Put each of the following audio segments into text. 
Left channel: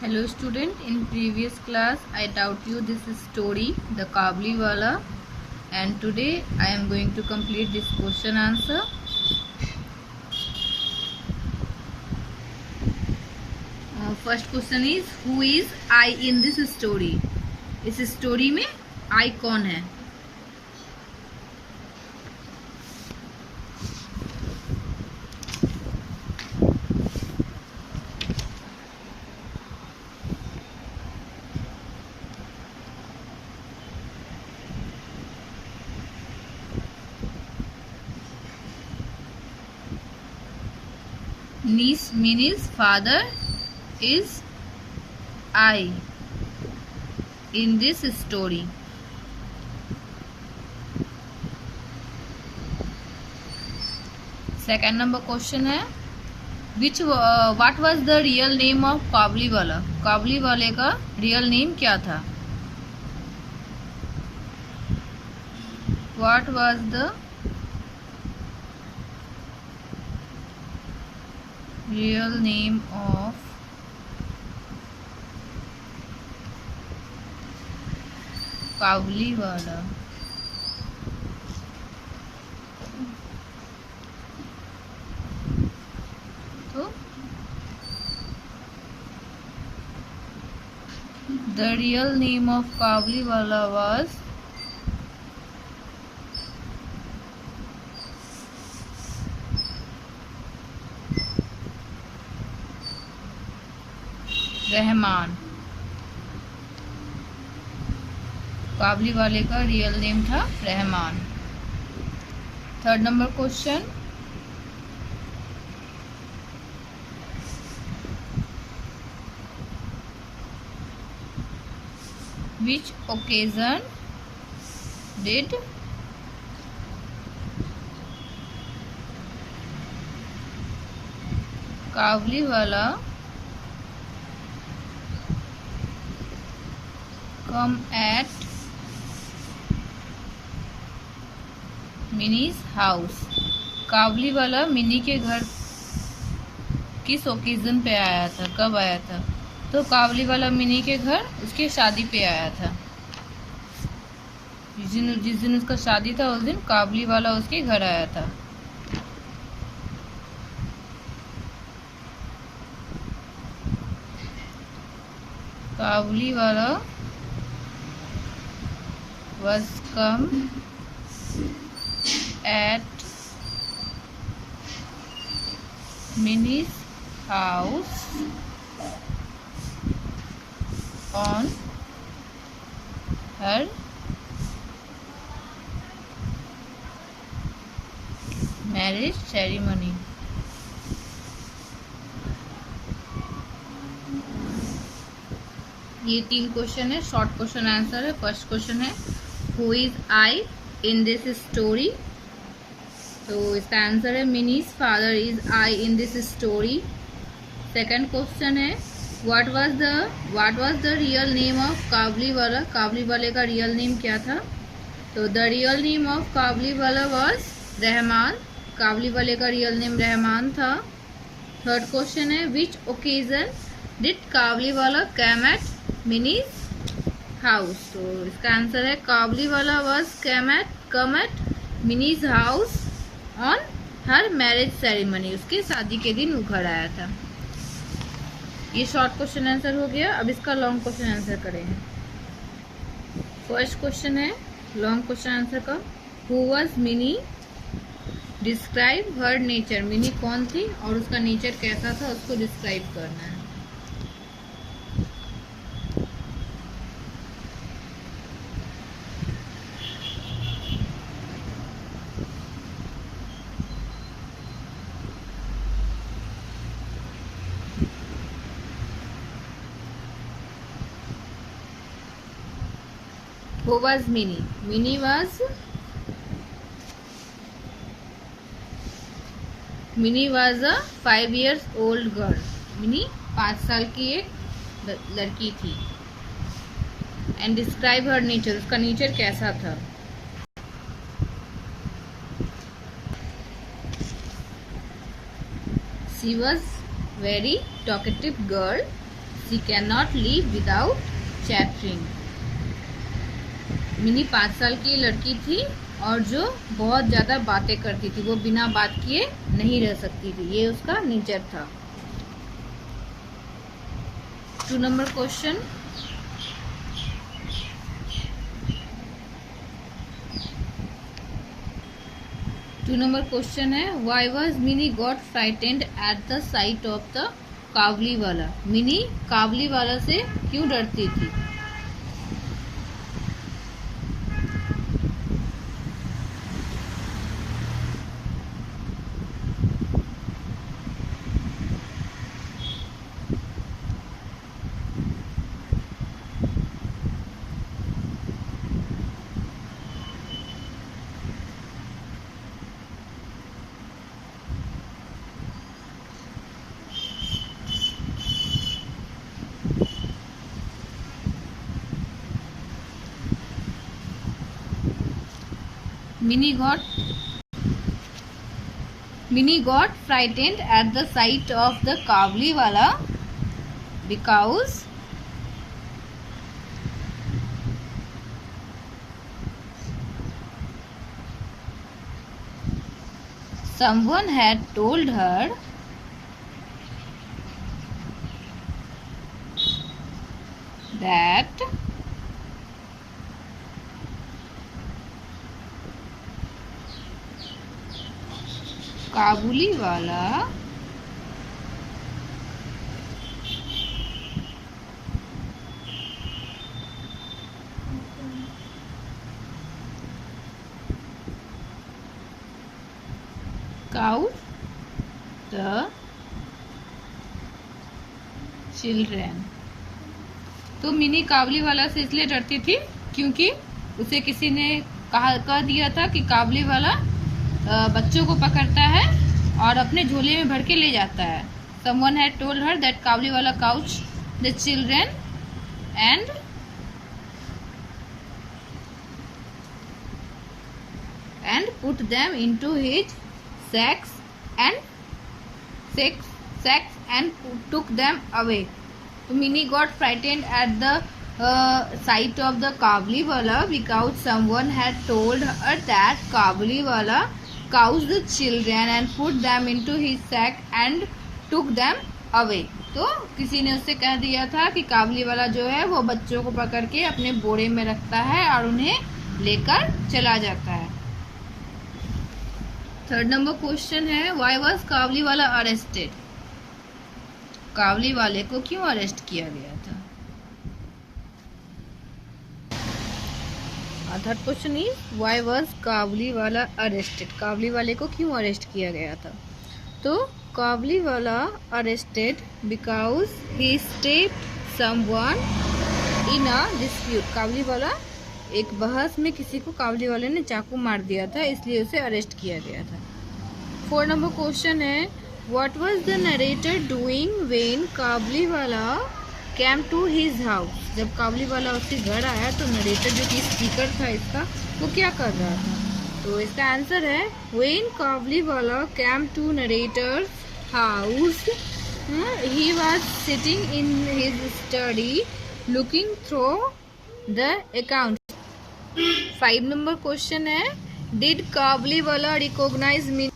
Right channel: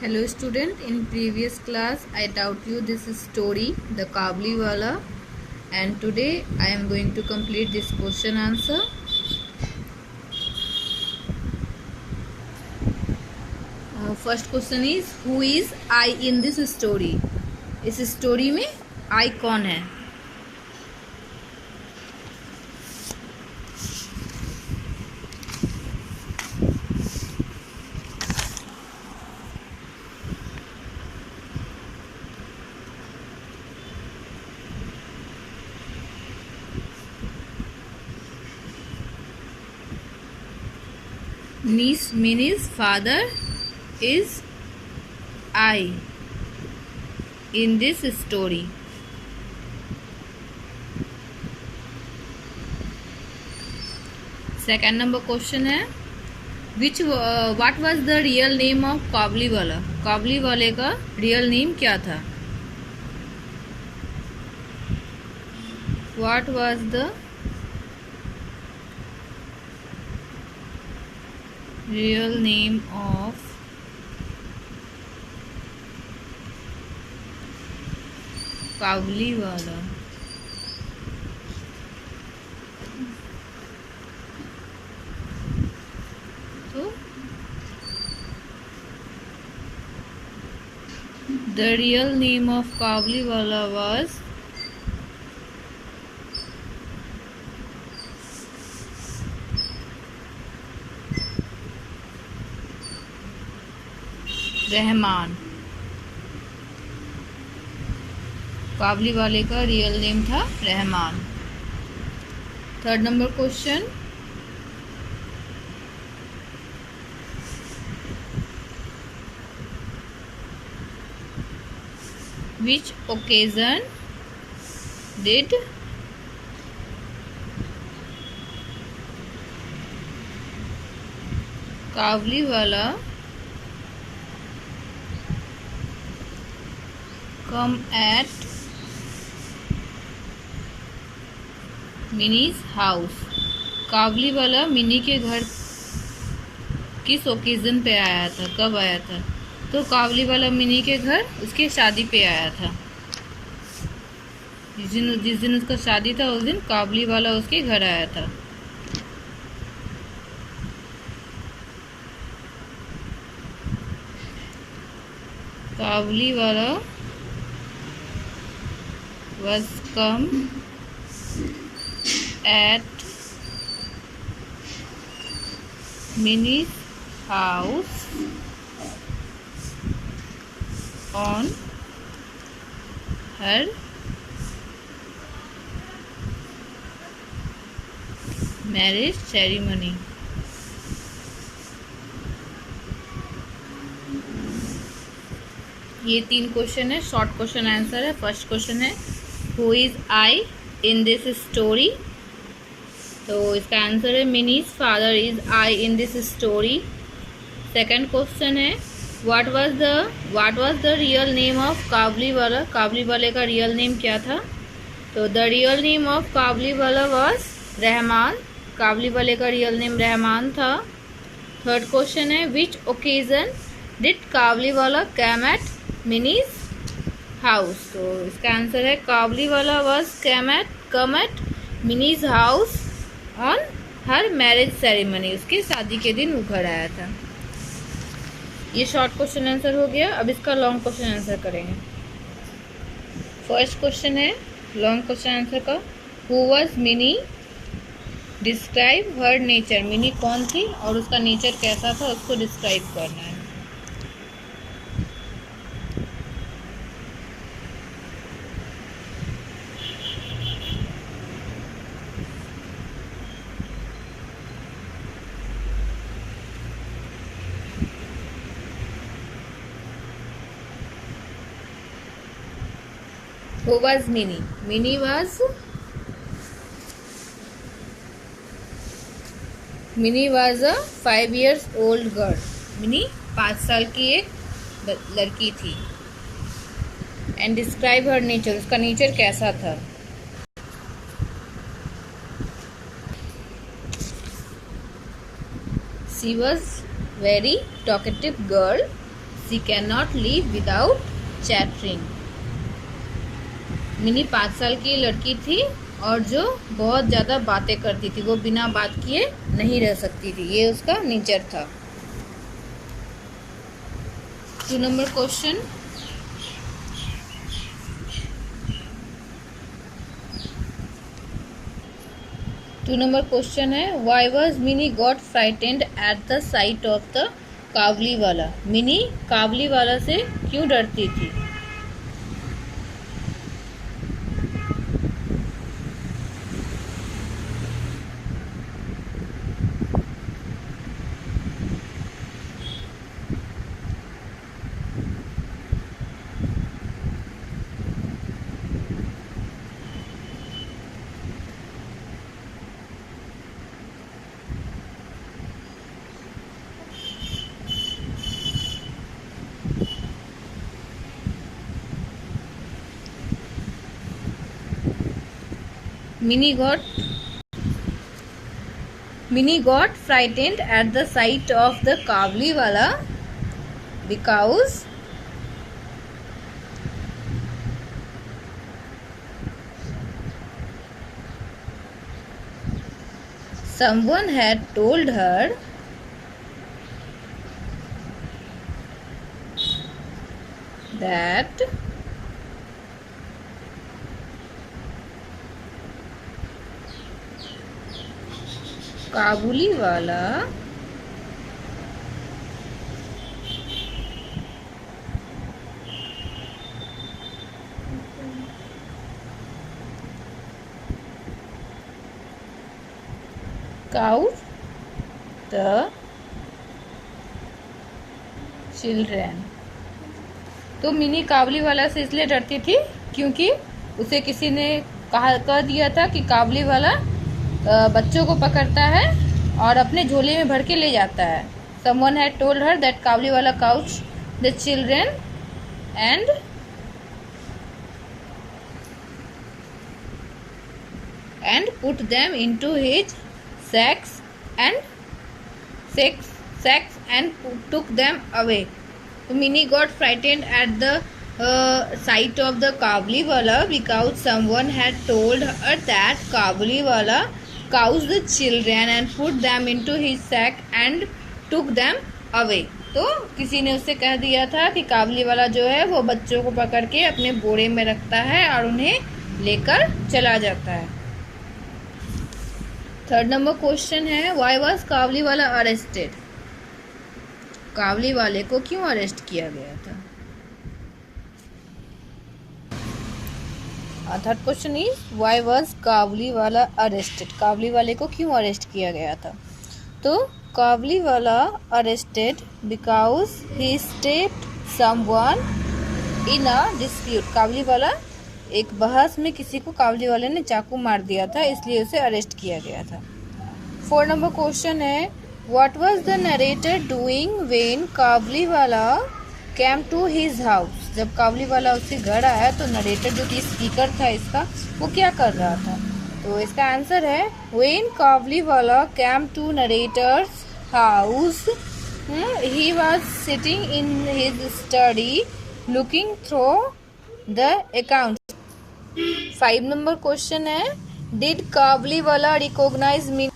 Hello student, in previous class I taught you this story, the Kabliwala, and today I am going to complete this question answer. First question is, who is I in this story? इस स्टोरी में I कौन है? Minnie's father is I in this story. Second number question है, what was the real name of काबलीवाला? काबलीवाले का real name क्या था? What was the real name of काबलीवाला? तो the real name of काबलीवाला was रहमान. काबलीवाले का रियल नेम था Rahman. Third number question, which occasion did Kabuliwala come at Mini's house? Kabuliwala Mini के घर किस ओकेजन पे आया था, कब आया था? तो काबलीवाला मिनी के घर उसकी शादी पे आया था. जिस दिन उसका शादी था उस दिन काबलीवाला उसके घर आया था. काबलीवाला was come at Minnie's house on her marriage ceremony. ये 3 क्वेश्चन है, शॉर्ट क्वेश्चन आंसर है. फर्स्ट क्वेश्चन है, who is I in this story? तो इसका आंसर है Mini's father is I in this story. Second question है, what was the real name of Kabuliwala? काबलीवाले का रियल नेम क्या था? तो the real name of Kabuliwala was Rahman. काबलीवाले का रियल नेम रहमान था. थर्ड क्वेश्चन है, which occasion did Kabuliwala come at Mini's house? तो इसका आंसर है Kabuliwala was come at Mini's house on her marriage ceremony. उसकी शादी के दिन वो घर आया था. ये शॉर्ट क्वेश्चन आंसर हो गया. अब इसका लॉन्ग क्वेश्चन आंसर करेंगे. फर्स्ट क्वेश्चन है लॉन्ग क्वेश्चन आंसर का, who was mini? Describe her nature. Mini कौन थी और उसका नेचर कैसा था, उसको डिस्क्राइब करना है. Who was Minnie? Minnie was a 5 years old girl. Mini 5 साल की एक लड़की थी. And describe her nature. उसका नेचर कैसा था? She was very talkative girl. She can not live without chattering. Mini 5 साल की लड़की थी और जो बहुत ज़्यादा बातें करती थी, वो बिना बात किए नहीं रह सकती थी, ये उसका नेचर था। 2 नंबर क्वेश्चन, है why was Mini got frightened at the sight of the Kabuliwala. Mini काबुली वाला से क्यों डरती थी? Minnie got frightened at the sight of the Kabuli wala because someone had told her that काबुली वाला cows the children। तो मिनी काबुली वाला से इसलिए डरती थी क्योंकि उसे किसी ने कह दिया था कि काबुली वाला बच्चों को पकड़ता है और अपने झोले में भर के ले जाता है। Someone had told her that काबुली वाला couched the children and put them into his sacks and took them away. So Minnie got frightened at the sight of the काबुली वाला because someone had told her that काबुली वाला cows the children and put them into his sack and took them away। तो किसी ने उससे कह दिया था कि काबुली वाला जो है वो बच्चों को पकड़ के अपने बोरे में रखता है और उन्हें लेकर चला जाता है। 3rd नंबर क्वेश्चन है why was Kabuliwala arrested. काबुली वाले को क्यों अरेस्ट किया गया था? Third question is why was Kabuliwala arrested. काबुली वाले को क्यों अरेस्ट किया गया था? तो Kabuliwala arrested because he stepped someone in a dispute. Kabuliwala एक बहस में किसी को काबुली वाले ने चाकू मार दिया था, इसलिए उसे अरेस्ट किया गया था। 4 नंबर क्वेश्चन है what was the narrator doing when Kabuliwala came to his house. जब काबुली वाला उसके घर आया तो नरेटर जो कि स्पीकर था इसका, वो क्या कर रहा था? तो इसका आंसर है when Kabuliwala came to narrator's house he was sitting in his study looking through the account. 5 number question है did Kabuliwala recognise me.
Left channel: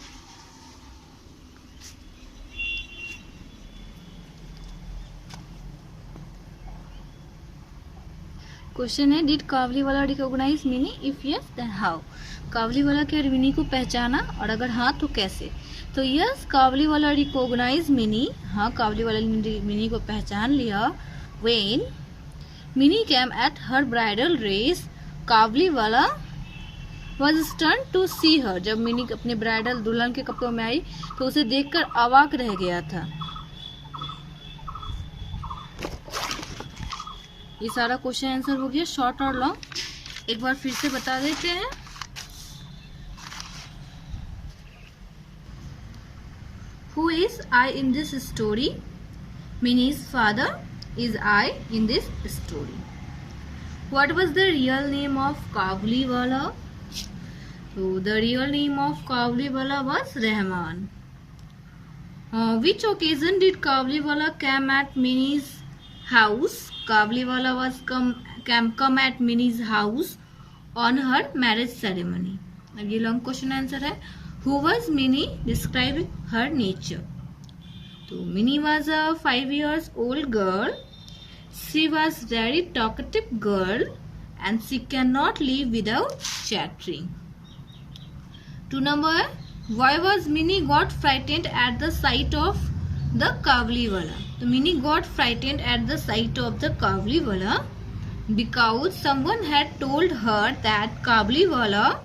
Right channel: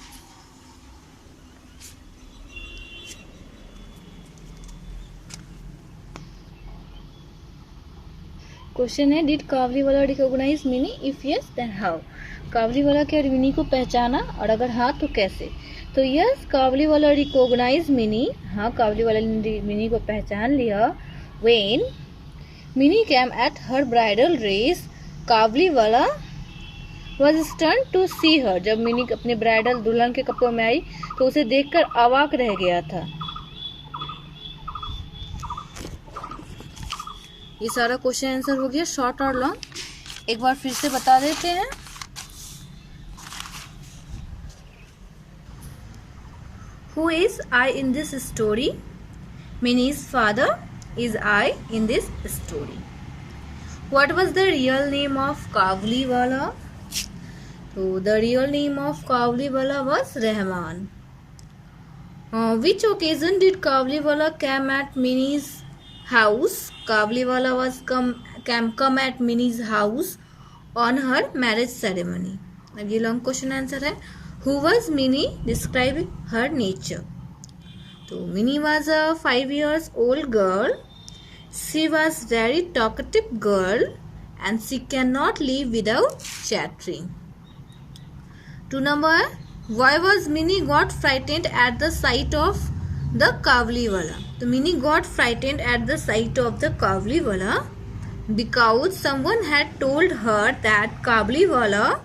Question है did Kabuliwala recognise Mini, if yes then how. Kabuliwala क्या मिनी को पहचाना, और अगर हाँ तो कैसे? तो यस काबुली वाला रिकॉग्नाइज मिनी, हाँ काबुली वाला ने मिनी को पहचान लिया। When Mini came at her bridal race Kabuliwala was stun to see her. जब मिनी अपने ब्राइडल दुल्हन के कपड़ों में आई तो उसे देखकर अवाक रह गया था। ये सारा क्वेश्चन आंसर हो गया, शॉर्ट और लॉन्ग। एक बार फिर से बता देते हैं। Who is I in this story? Minnie's father is I in this story. What was the real name of काबुली वाला? So the real name of काबुली वाला was Rahman. Which occasion did काबुली वाला came at Minnie's house. Kabliwala was come at Minnie's house on her marriage ceremony. अब ये long question answer है. Who was Minnie? Describe her nature. तो Minnie was a 5 years old girl. She was very talkative girl and she cannot live without chattering. 2 number, why was Minnie got frightened at the sight of the Kabliwala? So Minnie got frightened at the sight of the Kabliwala because someone had told her that Kabliwala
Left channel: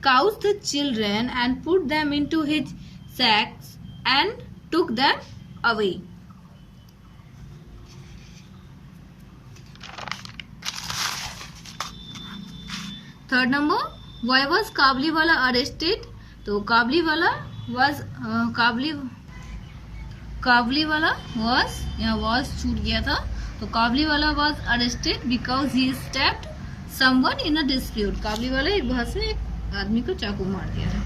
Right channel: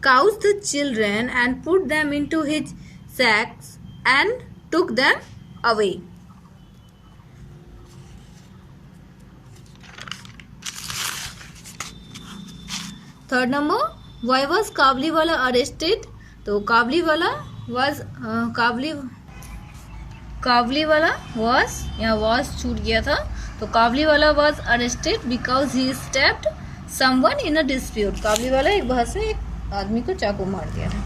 caught the children and put them into his sacks and took them away. Third number, why was Kabliwala arrested? तो Kabliwala was यहाँ was छूट गया था. तो Kabliwala was arrested because he stabbed someone in a dispute. Kabliwala एक बहस में एक आदमी को चाकू मार दिया था.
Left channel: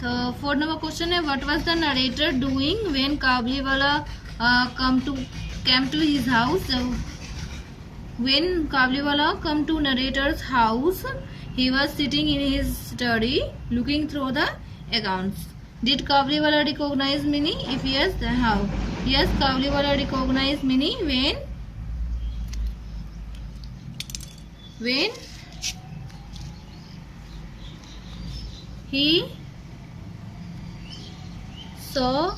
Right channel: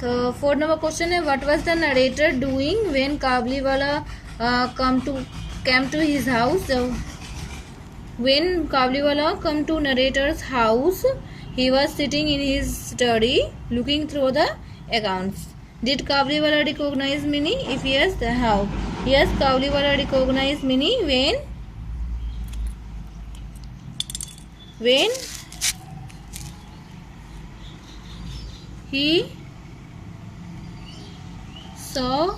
तो फोर्थ नंबर क्वेश्चन है, what was the narrator doing when Kabliwala came to his house? When Kabliwala come to narrator's house, he was sitting in his study looking through the accounts. Did Kabliwala recognize Minnie? If yes, then how? Yes, Kabliwala recognized Minnie when he saw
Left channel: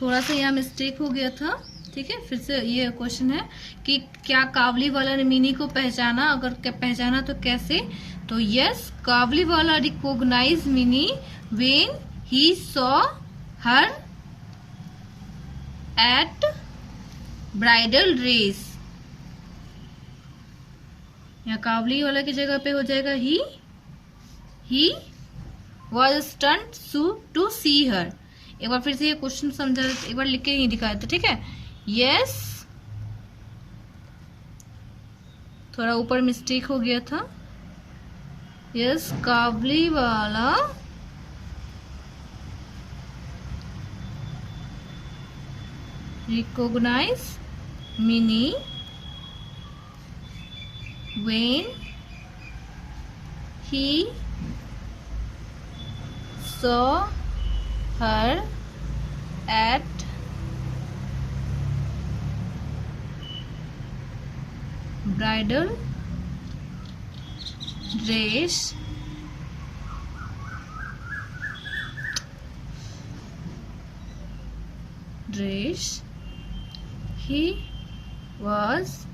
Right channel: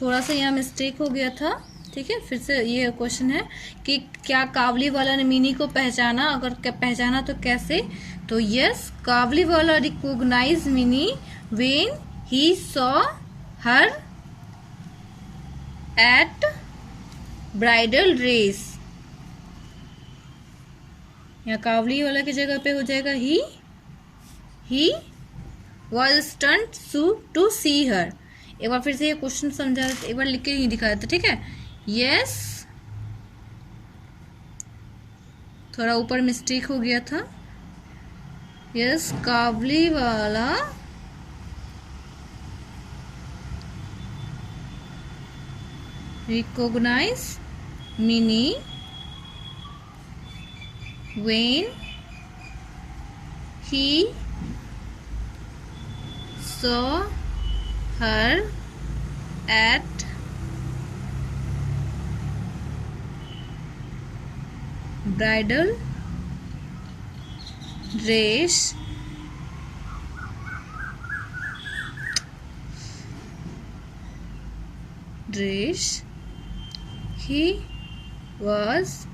थोड़ा सा यहाँ मिस्टेक हो गया था. ठीक है, फिर से ये क्वेश्चन है कि क्या काबलीवाला ने मिनी को पहचाना, अगर पहचाना तो कैसे. तो yes, Kabuliwala recognise Mini when he saw her at bridal race. यहाँ काबलीवाला की जगह पे हो जाएगा he was stunned to see her. एक बार फिर से ये क्वेश्चन समझा, एक बार लिख के ही दिखा देते. ठीक है, यस, थोड़ा ऊपर मिस्टेक हो गया था. Yes, Kabuliwala recognise Mini when he saw her at bridal dress he was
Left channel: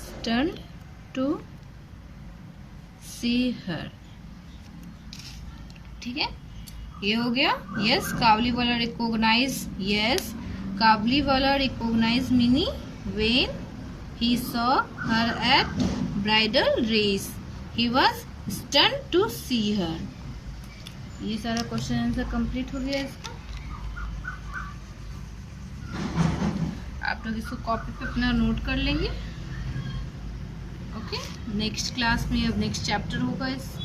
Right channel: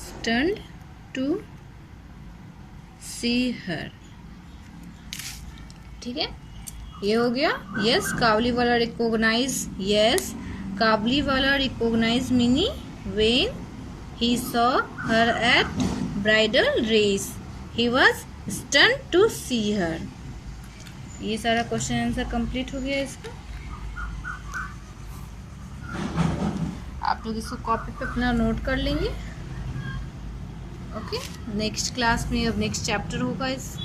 stunned to see her. ठीक है, ये हो गया. Yes, Kabuliwala recognise Mini when he saw her at bridal race. He was stunned to see her. ये सारा क्वेश्चन आंसर कंप्लीट हो गया इसका. आप लोग इसको कॉपी पे अपना नोट कर लेंगे. ओके, नेक्स्ट क्लास में अब नेक्स्ट चैप्टर होगा इस